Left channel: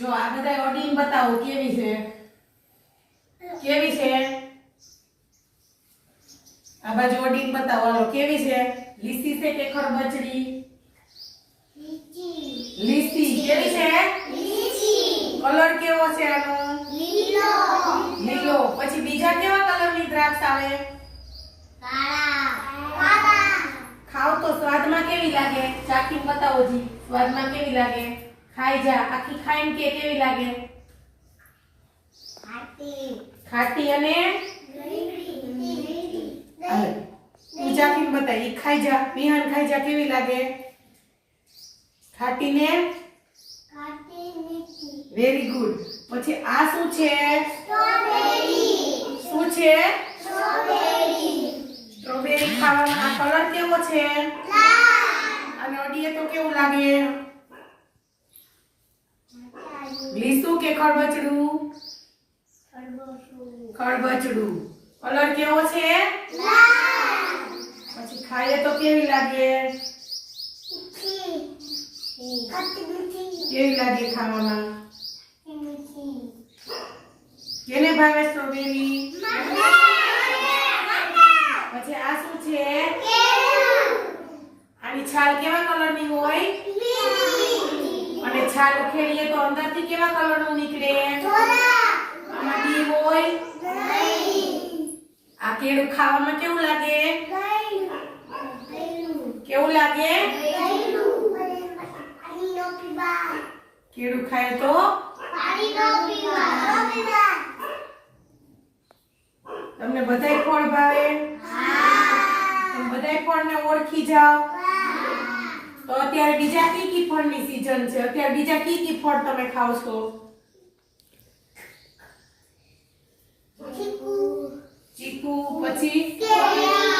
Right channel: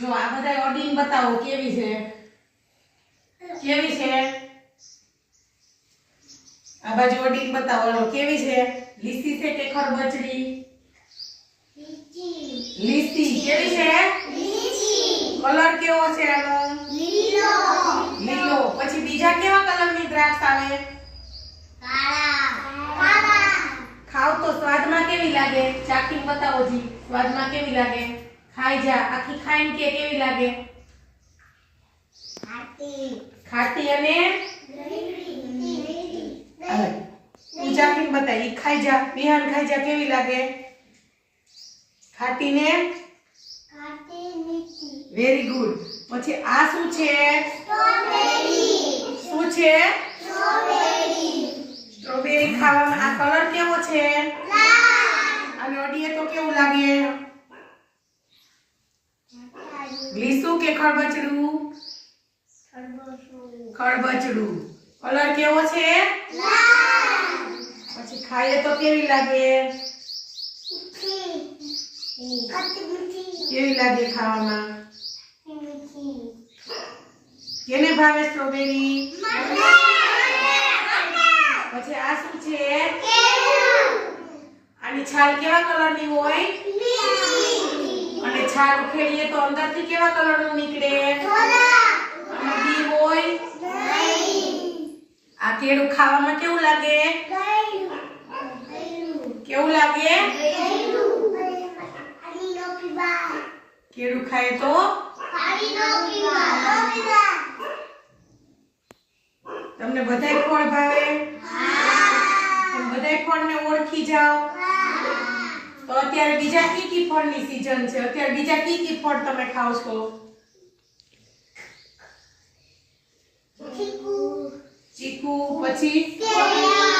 જો, આ બધા ઓડીન બતાવો, કેવી છે? કેવી છે? આ બાજુ ઓડીન બતાવો, હાલો, કેવી છે? લીસી છે કે ખરબચડી? લીસી, કેવી છે? કલર કેવો છે આનો? લીલો. પછી બીજા કેવા કલરની દ્રાક્ષ આવે? ખાવ તો સ્વાદમાં કેવી લાગે? ચાખીને બતાવો જી, સ્વાદમાં કેવી લાગે? ખાઈ જા. આખી ખાઈને કે કેવી લાગે? ખાટી અને હાલે. તું ચાખીને બતાય? ઈ ખાઈ જા. વિહાન ખાઈ જા. કેવી લાગે? ખાટી ને વેરી ગુડ પછી આ શું છે? શું છે? સ્ટ્રોબેરી ખાવાનો આ કલર કેવો છે? અને અડીએ તો કેવું લાગે? લીસું કે ખરબચડું ખરબચડું કલર કેવો છે? પછી ખાઈએ તો કેવી લાગે? કેવી લાગે ખાવામાં? કેને ભાવે સ્ટ્રોબેરી? પછી આ શું છે? આની છાલ કેવા કલરની હોય? અને છાલ ઉખેડીએ તો અંદરથી કેવા કલરનું નીકળે? અને બી હોય? આ કેળું ખાવામાં કેવું લાગે? કેવું લાગે? કેળું ખાય તો? તમને બધાય ફળ ભાવે? તમે બધાય ફળને ઓળખી જાઓ. અત્યારે બીજા કી કી ફળની સીઝન છે? અત્યારે બીજા કી કી ફળ તમે ખાવ છો? ચીકુ. પછી?